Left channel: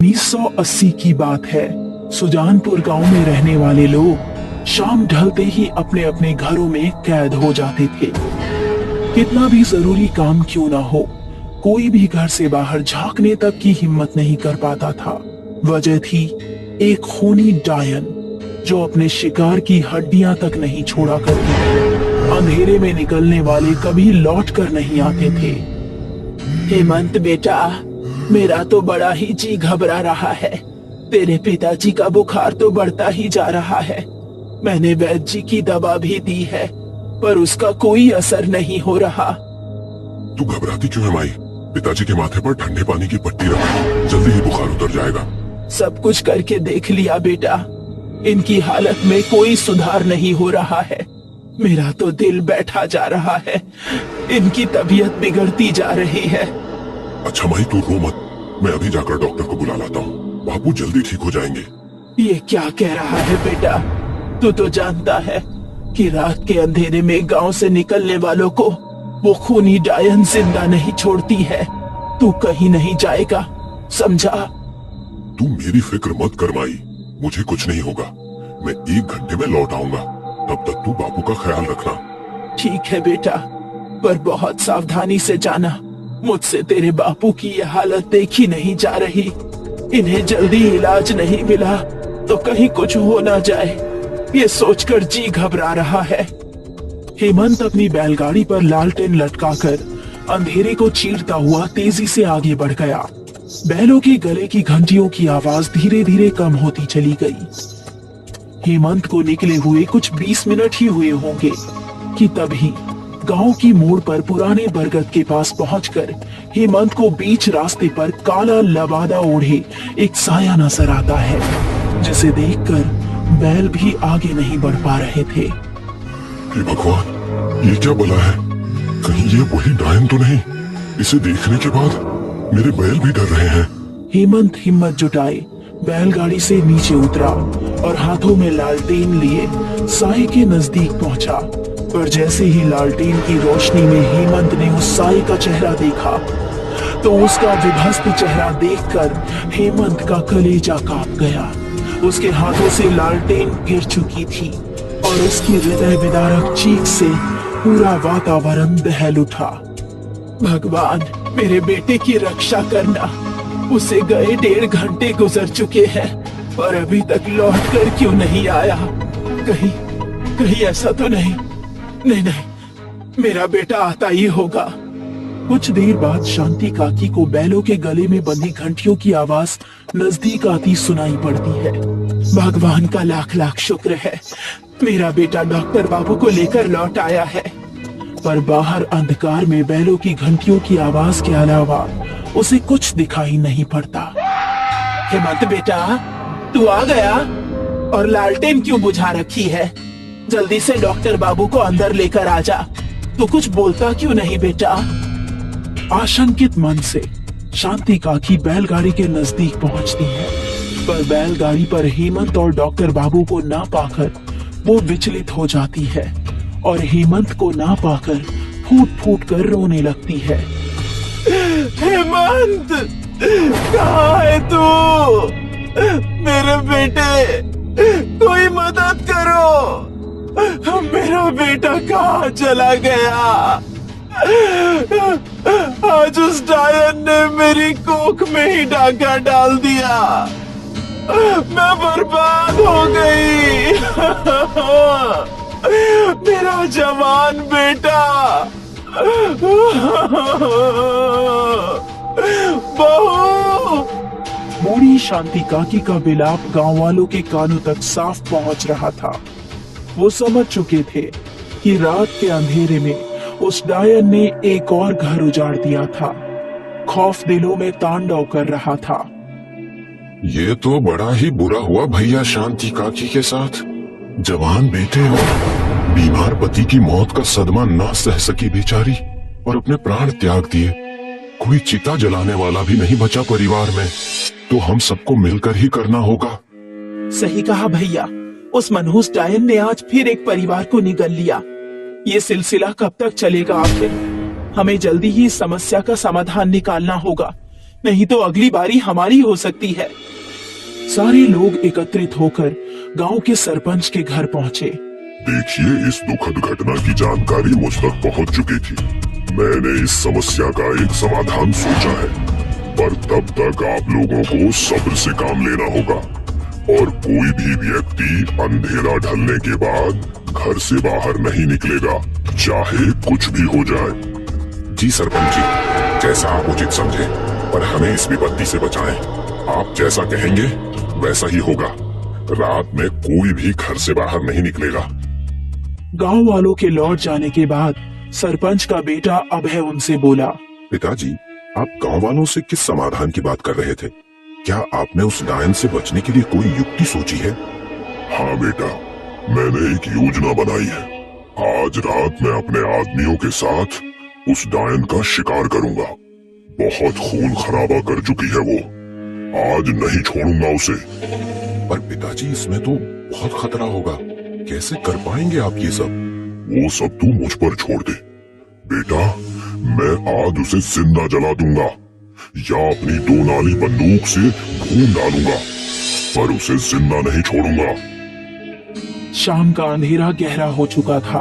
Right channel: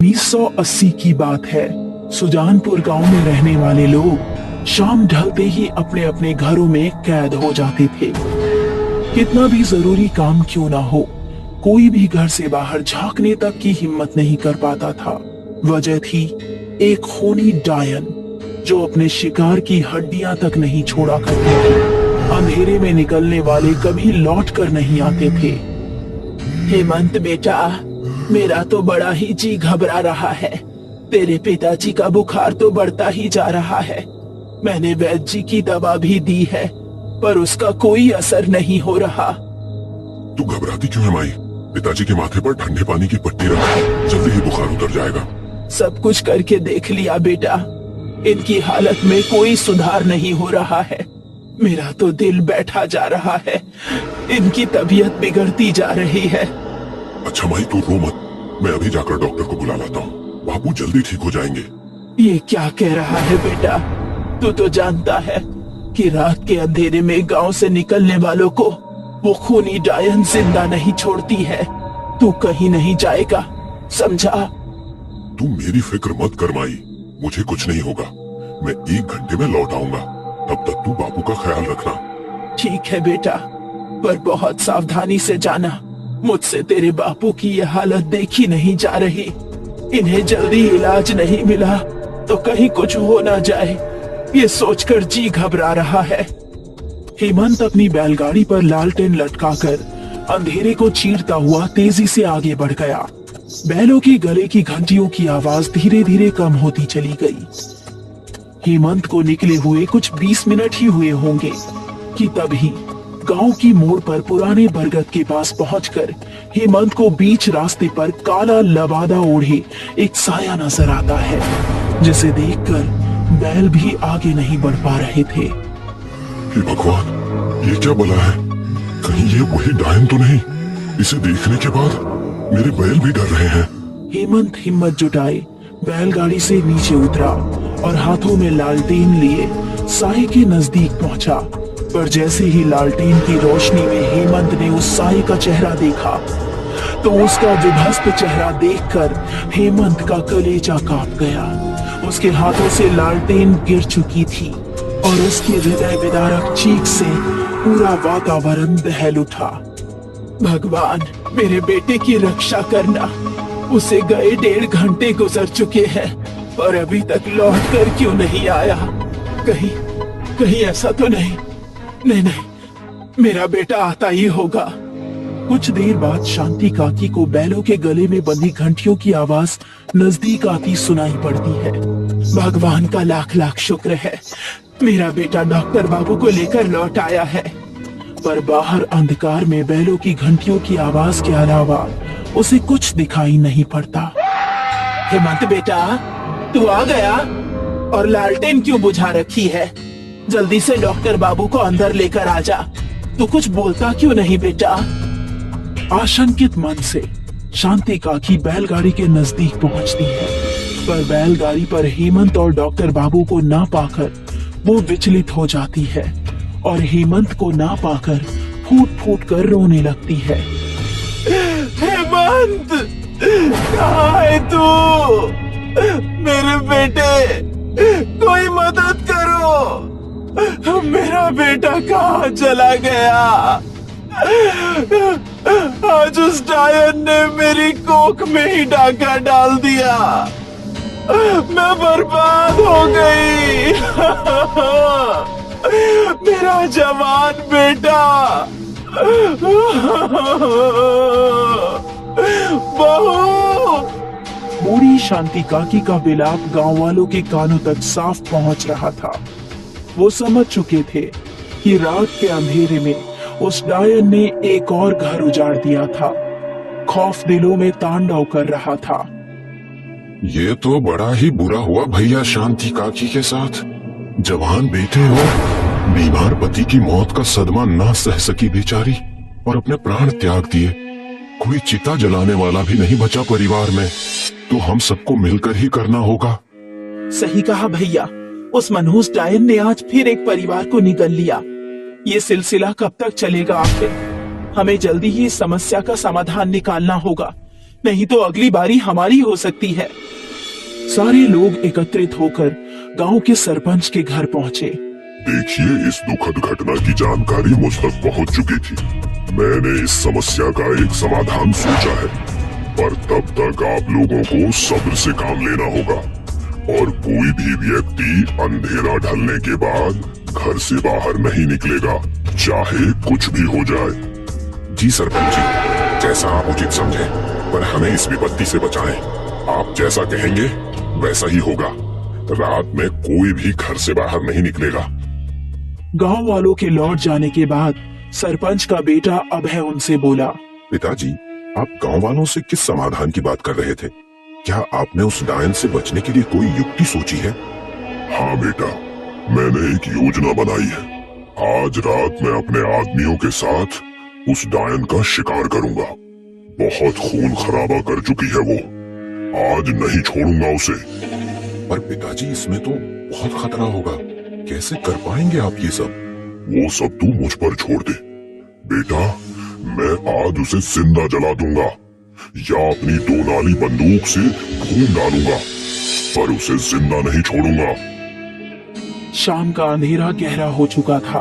1980 की बात है। सुजानपुर गांव में रहने वाले लोग शाम ढलते ही अपने अपने घरों में कैद हो जाते थे। कितना भी जरूरी काम क्यों ना हो, कोई भी घर से बाहर झांकने तक की हिम्मत नहीं कर पाता था। वजह थी एक खूनी डायन जो अपने शिकार की हड्डियां तक नहीं छोड़ा करते थे। अंधेरे में निकलने वाले कभी लौट कर नहीं आते थे। हेमंत बेटा, मेरा तो बड़ा ही जी घबरा रहा है। तेरे पिताजी का बुखार तो बढ़ता ही जा रहा है। मैंने वैद्य जी की दवा भी दी है, पर उसका कोई असर नहीं हो रहा। तू घबराती क्यों है माई? पिताजी के माथे पर ठंडे पानी की पट्टी रख, जल्दी ही बुखार उतर जाएगा। सब कुछ करके देख लिया बेटा, इनकी हालत में कोई सुधार नहीं हो रहा है। मेरा तो दिल बैठा जा रहा है, इनकी तबीयत बिगड़ती जा रही है। अच्छा माई, तू रो मत, मैं अभी जाकर डॉक्टर को बुला लाता हूँ। बापू जल्दी ठीक हो जाएंगे। ये क्या कह रहा है बेटा? तू तो जानता है कि रात के अंधेरे में गांव से निकलने वालों को वो खूनी डायन जिंदा नहीं छोड़ती है। तू कहीं नहीं जाएगा, समझा? तू मेरी फिक्र मत कर माई, मुझे कुछ नहीं होगा। मैं 1 घंटे में लौट आऊंगा, तब तक तू बापू का ख्याल रखना। ठीक है बेटा, पर बहुत सावधानी से जाना। मुझसे तेरे बापू की ये हालत देखी नहीं जा रही। इन्हें जल्दी इलाज नहीं मिला तो कहीं कुछ हो ना जाए, ये सोचकर जी घबरा रहा है। हेमंत अपनी बैलगाड़ी पर लालटेन लटकाकर अंधेरे को चीरता हुआ तेजी से आगे बढ़ गया। बैलों के गले की घंटियों की आवाज धीरे धीरे कम होती चली गई। हेमंत को निकले हुए कुछ 20 मिनट ही हुए होंगे कि तभी गांव की मोड़ पर पुराने बरगद के पास पहुंचकर हेमंत को बीच रास्ते पर काला लबादा ओढ़े एक साया नजर आता है, जिसे देखकर बैल भी आगे नहीं बढ़ पा रहे थे। हे भगवान, ये क्या बला है? कहीं ये वही डायन तो नहीं? इसे देखने के बाद मेरे बैल भी डर रहे हैं। हेमंत हिम्मत जुटाए बैलगाड़ी से नीचे उतरा और हाथों में लालटेन लिए साए के नजदीक पहुंचा। पर जैसे ही लालटेन की रोशनी में हेमंत ने उस साए का चेहरा देखा तो उसका विभस्त चेहरा देखकर हेमंत का कलेजा कांप गया। उसके हाथों से लालटेन गिर चुकी थी और उसके हृदय विदारक चीख से पूरा वातावरण दहल उठा। भगवान, मेरे बेटे की रक्षा करना। उसे गए 1.5 घंटे गुजर चुके हैं और अभी तक लौट कर क्यों नहीं आया? कहीं ऐसा तो नहीं? नहीं, मेरा बेटा आता ही होगा। कुछ देर बाद शांति काकी को बैलों के गले में बंधी घंटियों की आवाज नजदीक आती सुनाई पड़ती है। भगवान का लाख लाख शुक्र है, मेरा बेटा डॉक्टर बाबू को लेकर लौट आया है। पर बाहर अंधकार में बैलों की घंटियों की आवाज के अलावा उसे कुछ दिखाई नहीं पड़ता। हेमंत बेटा, तू आ गया? और लालटेन क्यों बुझा रखी है? जल्दी से डॉक्टर बाबू को अंदर लेकर आ जा। तू कुछ बोलता क्यों नहीं बेटा? आशंकित मन से शांति काकी बैलगाड़ी के नजदीक पहुंचती है, पर बैलगाड़ी पर हेमंत और डॉक्टर बाबू को ना पाकर वो विचलित हो जाती है और हेमंत को ना पाकर फूट फूट कर रोने लगती है। हेमंत, कहाँ है तू? मेरे बेटे, कोई मदद करो। मेरा बेटा कहाँ चला गया? आज उस डायन ने मेरी कोख में ही डाका डाल दिया। मैं बर्बाद हो गई। मेरा जवान बेटा। बहू। बूढ़ी शांति काकी का विलाप गांव वालों के कानों तक साफ पहुंच रहा था। वो समझ चुके थे कि रात के अंधेरे में उस डायन ने एक और घर उजाड़ दिया था। खौफ दिलों में तांडव कर रहा था। ये तो बड़ा ही बुरा हुआ भैया शांति काकी के साथ। जवान बेटे और बीमार पति की मौत का सदमा ना सह सकी बेचारी और अपने प्राण त्याग दिए। कोई चिता जलाने वाला भी नहीं बचा परिवार में, तो हम सबको मिलकर ही करना होगा। सही कहा भैया, उस मनहूस डायन ने आज फिर एक परिवार को निगल लिया। ये सिलसिला कब तक चलेगा आखिर? हमें जल्दी ही इस समस्या का समाधान निकालना होगा। नहीं तो अगली बारी हमारी हो सकती है। सारे लोग एकत्रित होकर गांव के सरपंच के घर पहुंचे। देखिए, इस दुखद घटना की जानकारी मुझ तक पहुंच चुकी थी। मैंने इस समस्या का एक समाधान सोचा है, पर तब तक आप लोगों को सब्र से काम लेना होगा और कोई भी व्यक्ति अंधेरा ढलने के बाद घर से बाहर नहीं निकलेगा, चाहे कुछ भी हो जाए। जी सरपंच जी, जैसा आप उचित समझे, पर हमें इस विपत्ति से बचाएं। आप जैसा कहेंगे वैसा ही होगा। रात में कोई भी घर से बाहर नहीं निकलेगा। गांव वालों के लौट जाने के बाद सरपंच का बेटा अभय उनसे बोला, पिताजी, आप गांव वालों से किस समाधान की बात कर रहे थे? क्या आपने उस डायन से बचने के लिए कोई युक्ति सोची है? हाँ बेटा, मैंने एक योजना बनाई है। आज रात मैं अपने आदमियों के साथ उस डायन का शिकार करूंगा। बहुत खून खराबा कर चुकी है वो, आज नहीं छोड़ूंगा उसे। पर पिताजी, इसमें तो बहुत खतरा होगा, कैसे कर पाएंगे आप ये सब? वो सब तू मुझ पर छोड़ दे बेटा, मैं आज उसे जिंदा जला दूंगा या अपनी 2 नाली बंदूक से खून डालूंगा, पर उसे जिंदा नहीं छोड़ूंगा। शाम का अंधेरा गहरा हो चुका था।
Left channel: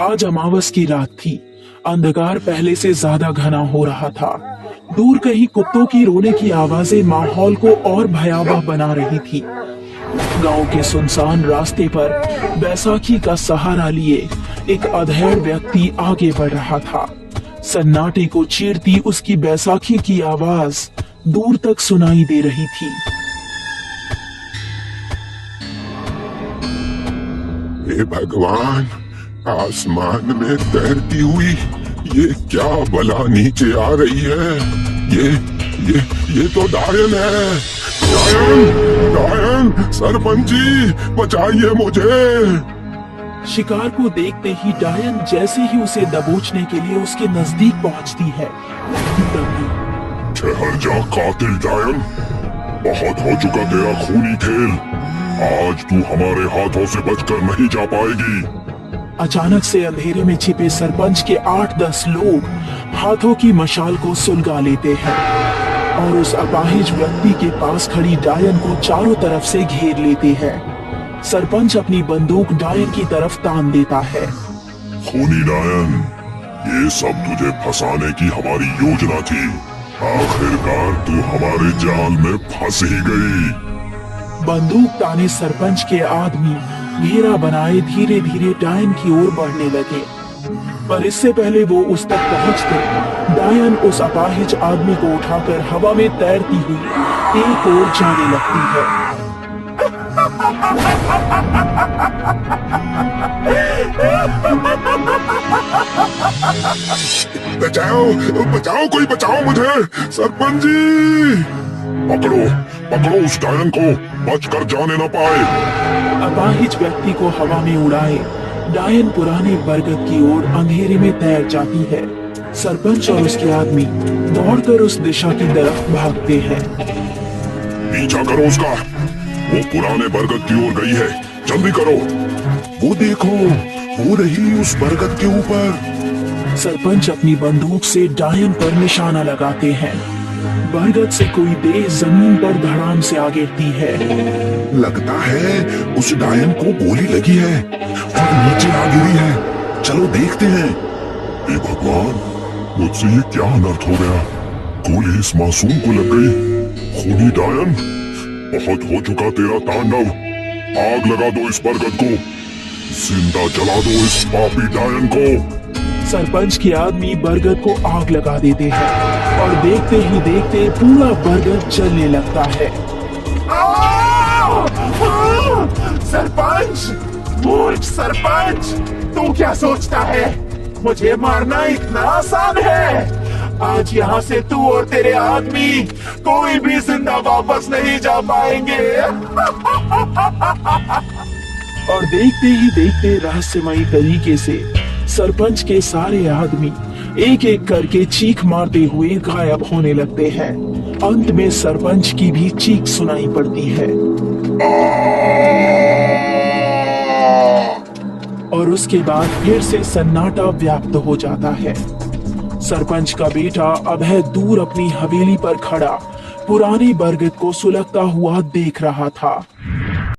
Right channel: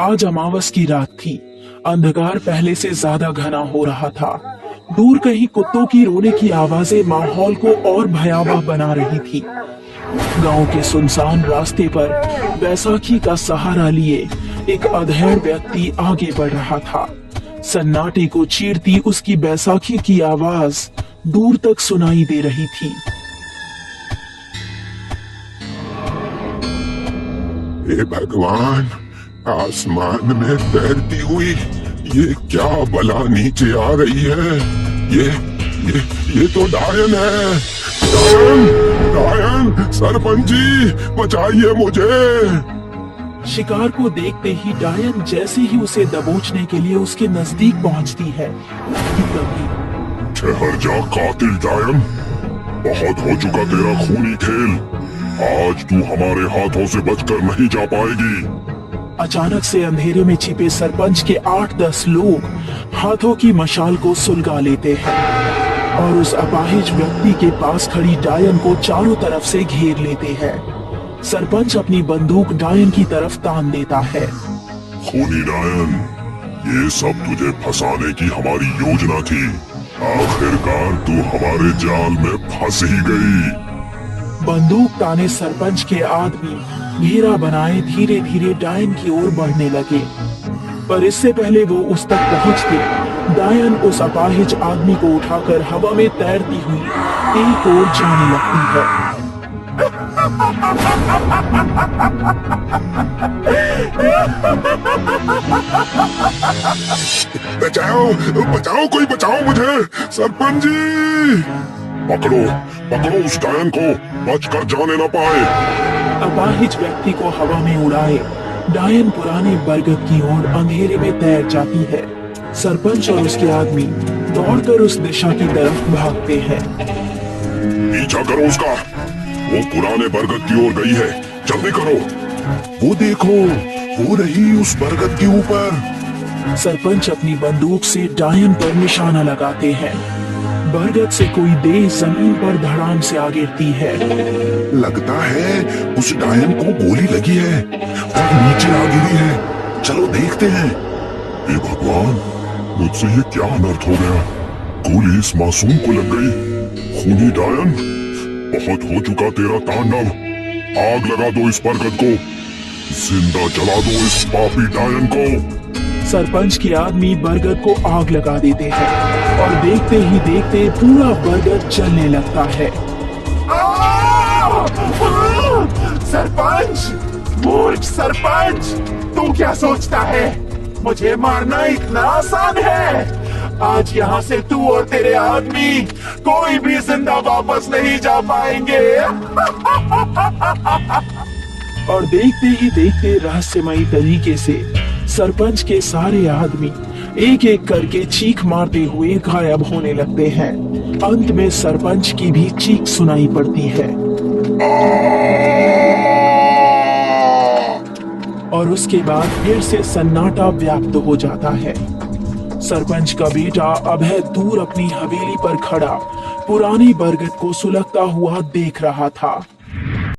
आज अमावस की रात थी। अंधकार पहले से ज्यादा घना हो रहा था। दूर कहीं कुत्तों की रोने की आवाजें माहौल को और भयावह बना रही थी। गांव के सुनसान रास्ते पर बैसाखी का सहारा लिए एक अधेड़ व्यक्ति आगे बढ़ रहा था। सन्नाटे को चीरती उसकी बैसाखी की आवाज दूर तक सुनाई दे रही थी। हे भगवान, आसमान में तैरती हुई ये क्या बला नीचे आ रही है? ये तो डायन है। डायन, डायन, सरपंच जी बचाइए मुझे। शिकार को देखते ही डायन जैसे ही उसे दबोचने के लिए उसके नजदीक पहुंचती है। ठहर जा कातिल डायन, बहुत हो चुका तेरा खूनी खेल। आज तू हमारे हाथों से बचकर नहीं जा पाएगी। अचानक से अंधेरे में छिपे सरपंच के 8-10 लोग हाथों की मशाल को सुलगा लेते हैं और उस अपाहिज व्यक्ति के पास खड़ी डायन को चारों तरफ से घेर लेते हैं। सरपंच अपनी बंदूक डायन की तरफ तान देता है। खूनी डायन, ये सब तुझे फंसाने की हमारी योजना थी। आखिरकार तू हमारे जाल में फंस ही गई। बंदूक ताने सरपंच के आदमी घेरा बनाए धीरे धीरे डायन की ओर बढ़ने लगे, पर इससे पहले वो उस तक पहुंचते डायन उस अपाहिज आदमी को उठाकर हवा में तैरती हुई एक ओर जाने लगती है। बचाओ, बचाओ, कोई बचाओ मुझे। सरपंच जी, पकड़ो, पकड़ो उस डायन को, बचकर जाने न पाए। अपाहिज व्यक्ति को हवा में उड़ाए डायन पुराने बरगद की ओर अंधेरे में तैर जाती है। सरपंच और उसके आदमी दौड़कर उस दिशा की तरफ भागते हैं। पीछा करो उसका, वो पुराने बरगद की ओर गई है, जल्दी करो। वो देखो, हो रही उस बरगद के ऊपर। सरपंच अपनी बंदूक से डायन पर निशाना लगाते हैं। बरगद से कोई देह जमीन पर धड़ाम से आ गिरती है। लगता है उस डायन को गोली लगी है और नीचे आ गिरी है। चलो देखते हैं। हे भगवान, मुझसे ये क्या अनर्थ हो गया? गोली इस मासूम को लग गई। खूनी डायन, बहुत हो चुका तेरा तांडव। आग लगा दो इस बरगद को, जिंदा जला दो इस पापी डायन को। सरपंच के आदमी बरगद को आग लगा देते हैं और देखते ही देखते पूरा बरगद जलने लगता है। सरपंच, मूर्ख सरपंच, तू क्या सोचता है मुझे मारना इतना आसान है? आज यहाँ से तू और तेरे आदमी कोई भी जिंदा वापस नहीं जा पाएंगे। और देखते ही देखते रहस्यमयी तरीके से सरपंच के सारे आदमी एक एक करके चीख मारते हुए गायब होने लगते हैं। अंत में सरपंच की भी चीख सुनाई पड़ती है और उसके बाद फिर से सन्नाटा व्याप्त हो जाता है। सरपंच का बेटा अभय दूर अपनी हवेली पर खड़ा पुराने बरगद को सुलगता हुआ देख रहा था।